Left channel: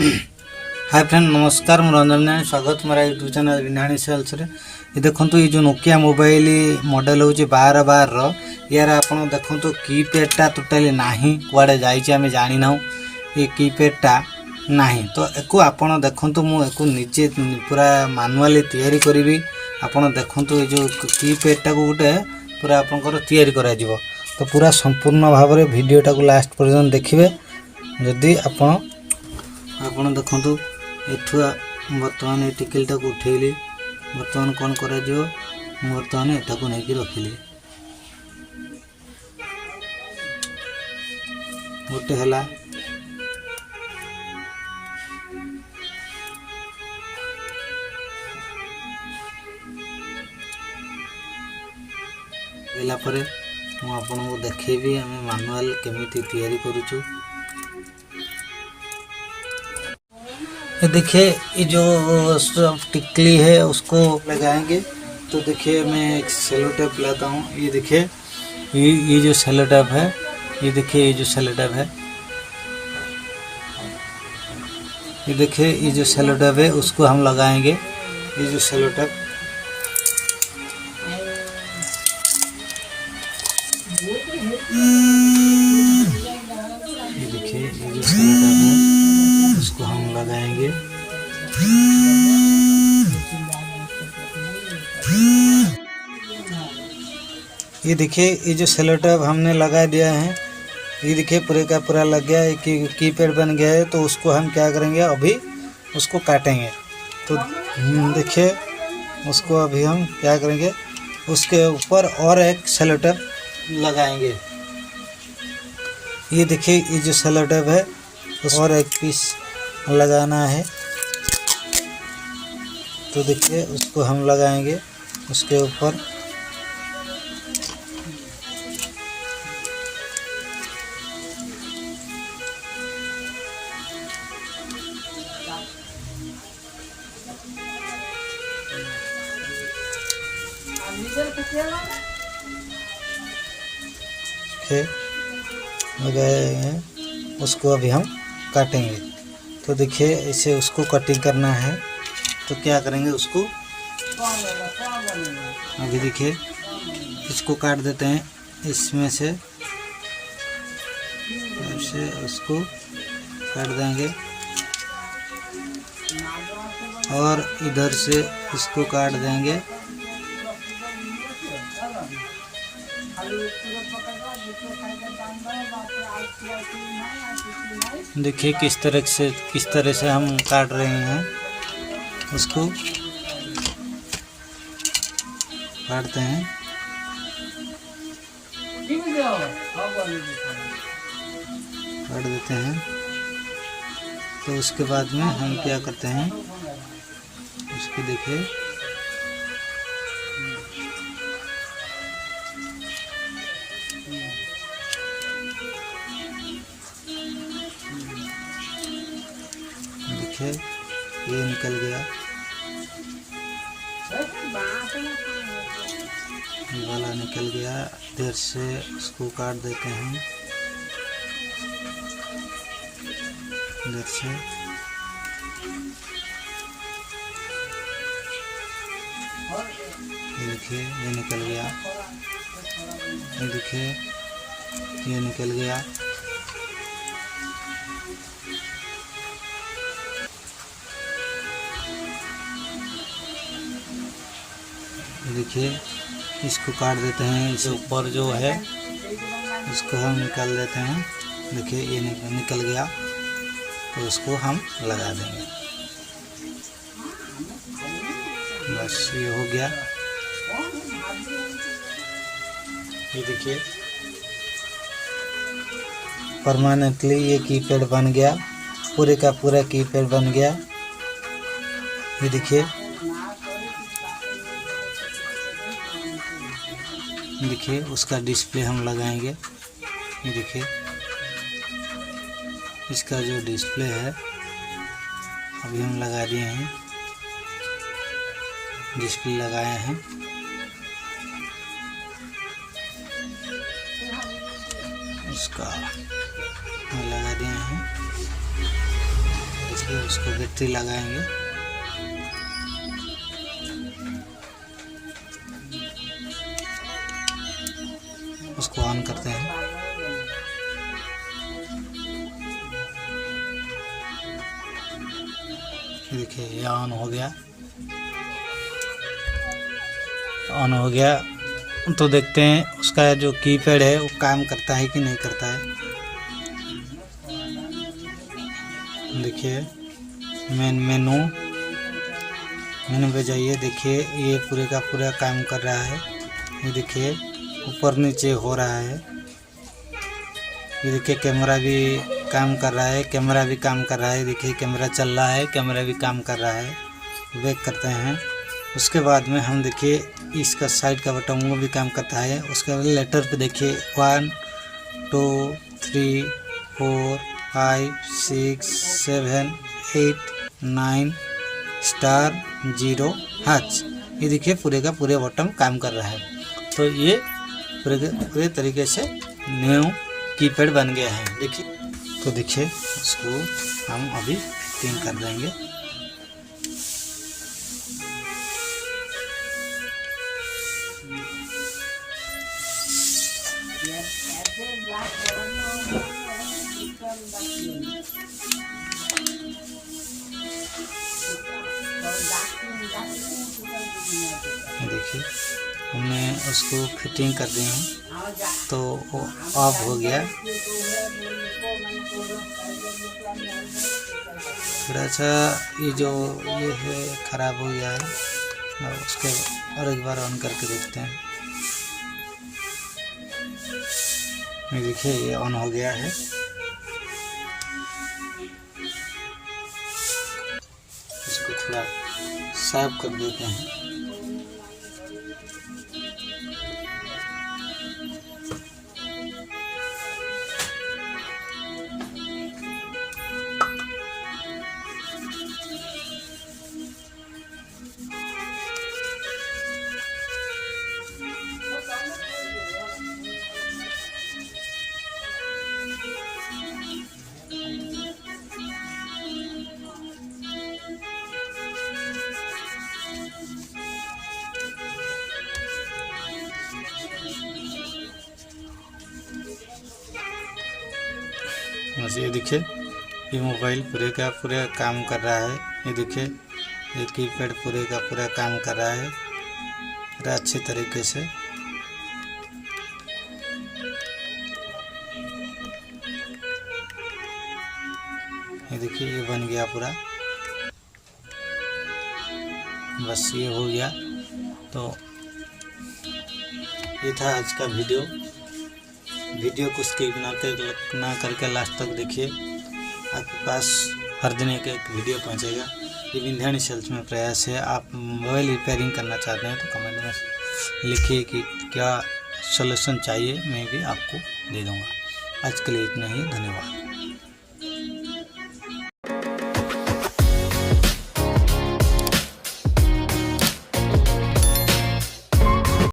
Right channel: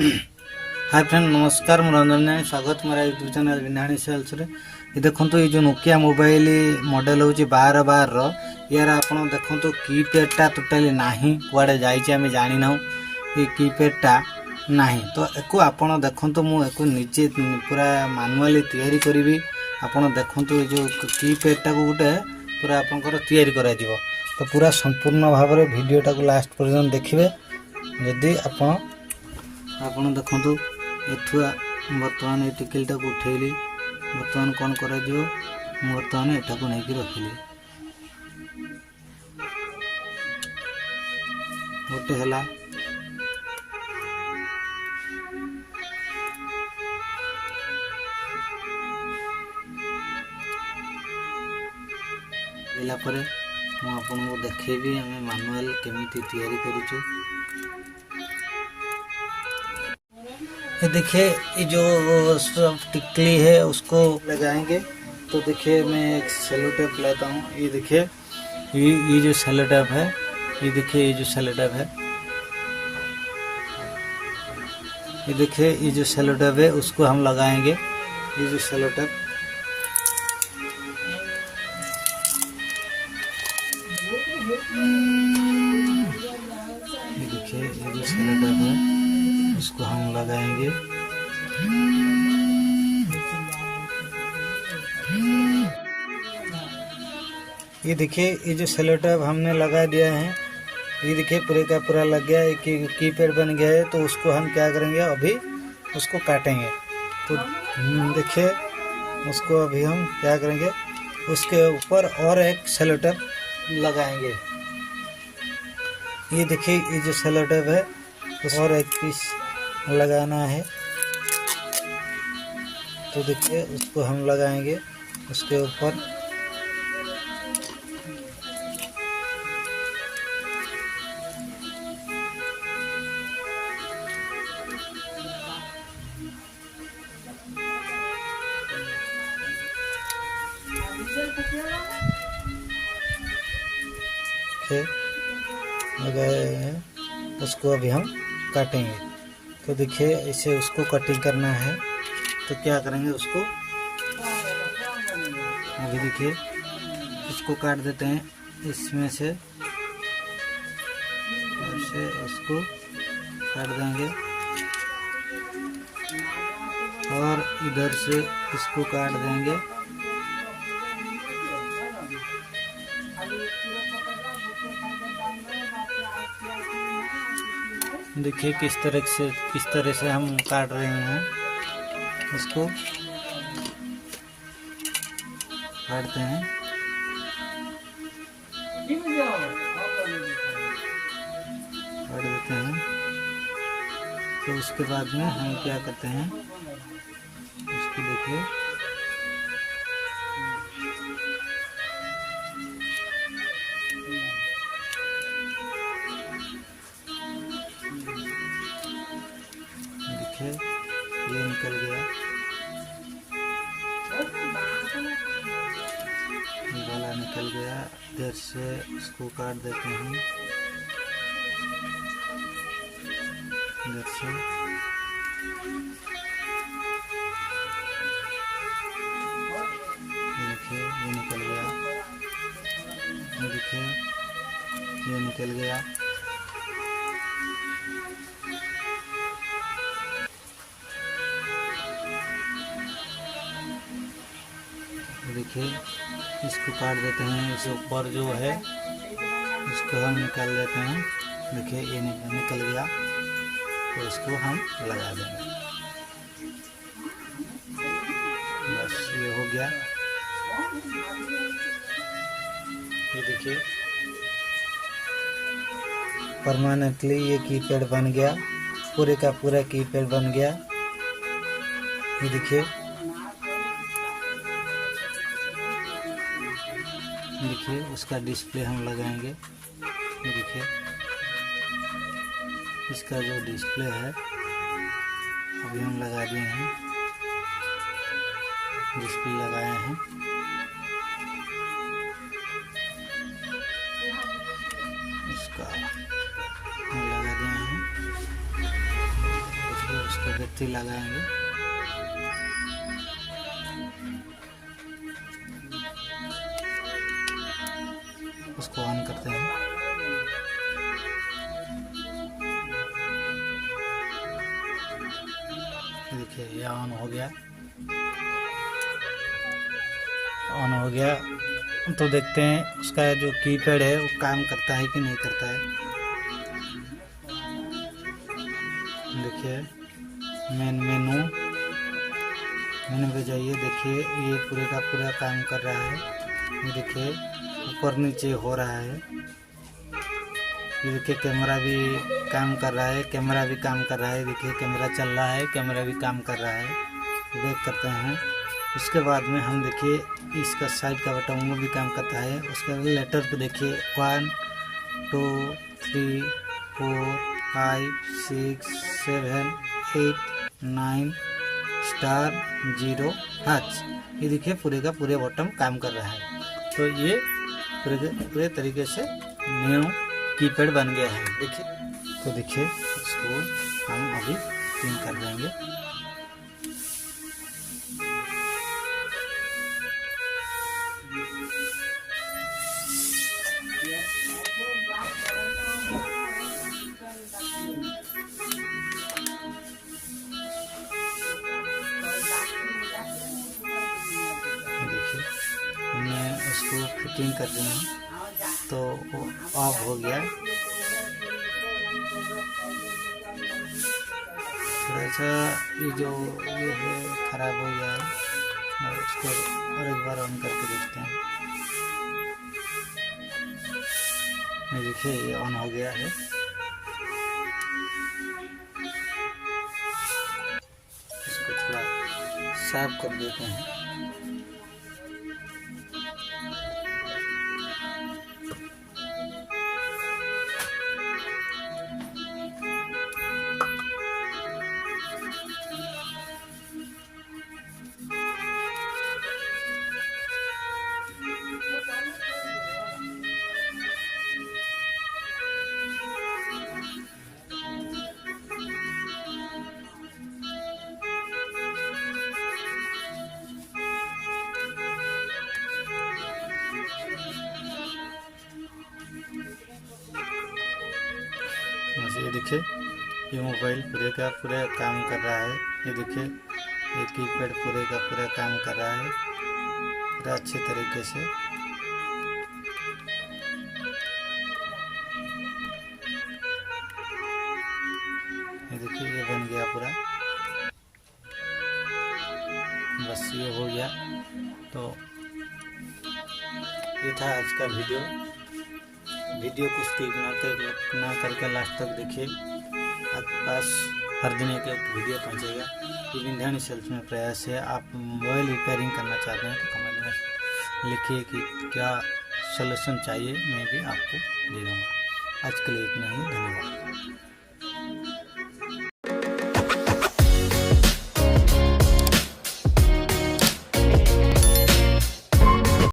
Hi friend नमस्कार मु रंजन नानी स्वागत मेरा यूट्यूब चैनल विनाणी सेल्स रे। ये देखो ये जो नोकिया मोबाइल मॉडल हूँ 1212 यार आप देखो कीपैडटा टोटाली नाही कुआड़े जाइए आम जानी ना ये कीपैडटा नहीं तो एको आपण देखो मुझे निजे पूरा मानुआली तैयारी करी आपण देखो ये जो कीपैडटा को गोटे पूरा आपंकर तैयारी करा जीवो तो पूरा संपूर्ण भाव में वीडियोटा को लास्ट पर्यंत देखिए जदि आपण देखो एठू बर्तमान ये टिकिलटा को उठेली बर्तमान कौन कर बर्तमान एटा को नहीं रखिली गोटे है मुझे आपको देखेबी आम मानुआल केमिति तैयारी करूँ। ये देखिए ये जो टिकली है उसको लगाएंगे तो देखिए मैं एक सेलो टेप लाता हूँ। ये देखिए ये जो सेलो टेप है ये देखिए ये जो सेलो टेप है ये देखिए ये जो सेलो टेप है उसको हम लगाएंगे। ये जो सेलो टेप ये देखिए ये जो सेलो टेप है उसको हम लगाएंगे। ये देखिए ये जो सेलो टेप हमने लगा दिया है ये देखिए पूरे का पूरा लग गया है कि कीपैड बन गया है। तो उसको हम क्या करेंगे अभी उसको काटेंगे तो देखिए उसको अभी हम क्या करेंगे उसके ऊपर और एक सेलो टेप लगाएंगे। ये देखिए ये जो सेलो टेप है उस और एक पीस लगाना है तो देखिए उसको हम लगाएंगे उसके ऊपर। लगाए हैं उसको अभी हम काटेंगे तो देखिए ऐसे उसको कटिंग करना है तो क्या करेंगे उसको अभी देखिए इसको काट देते हैं इसमें से ऐसे उसको काट देंगे और इधर से इसको काट देंगे। देखिए किस तरह से हम काट रहे हैं उसको काटते हैं। काट देते हैं तो उसके बाद में हम क्या करते हैं उसको देखिए ये निकल गया वाला निकल गया। इधर से इसको काट देते हैं इधर से देखिए ये निकल गया। देखिए ये निकल गया। देखिए इसको काट देते हैं इस ऊपर जो है इसको हम निकाल देते हैं। देखिए ये निकल गया तो इसको हम लगा देंगे बस ये हो गया। ये देखिए परमानेंटली ये कीपैड बन गया पूरे का पूरा कीपैड बन गया। ये देखिए देखिए उसका डिस्प्ले हम लगाएंगे। ये देखिए इसका जो डिस्प्ले है अभी हम लगा दिए हैं डिस्प्ले लगाए हैं। इसका लगा दिए हैं। फिर उसको बैटरी लगाएंगे। उसको ऑन करते हैं। देखिए ये ऑन हो गया। ऑन हो गया तो देखते हैं उसका जो कीपैड है वो काम करता है कि नहीं करता है। देखिए मेनू पे जाइए। देखिए ये पूरे का पूरा काम कर रहा है। ये देखिए ऊपर नीचे हो रहा है। ये देखिए कैमरा भी काम कर रहा है, कैमरा भी काम कर रहा है। देखिए कैमरा चल रहा है, कैमरा भी काम कर रहा है। बैक करते हैं। उसके बाद में हम देखिए इसका साइड का बटन वो भी काम करता है। उसके बाद लेटर पे देखिए 1 2 3 4 5 6 7 8 9 स्टार 0 हाथ। ये देखिए पूरे का पूरे बटन काम कर रहा है। तो ये पूरे तरीके से न्यू कीपैड बन गया है। देखिए तो देखिए इसको हम अभी पिन कर देंगे। देखिए हमने उसको फिटिंग कर दी है तो वो ऑफ हो गया। थोड़ा सा ये जो ये है ख़राब हो गया है और उसके और एक बार ऑन करके देखते हैं। ये देखिए ये ऑन हो गया है। इसको थोड़ा साफ कर देते हैं। ये देखिए ये मोबाइल पूरे का पूरा काम कर रहा है। ये देखिए ये कीपैड पूरे का पूरा काम कर रहा है पूरा अच्छे तरीके से। ये देखिए ये बन गया पूरा। बस ये हो गया। तो ये था आज का वीडियो को स्किप ना करके लास्ट तक देखिए। आपके पास हर दिन एक वीडियो पहुंचेगा। ये विंध्याणी सेल्स में प्रयास है। आप मोबाइल रिपेयरिंग करना चाहते हैं तो कमेंट में लिखिए कि क्या सॉल्यूशन चाहिए, मैं भी आपको दे दूंगा। आज के लिए इतना ही, धन्यवाद।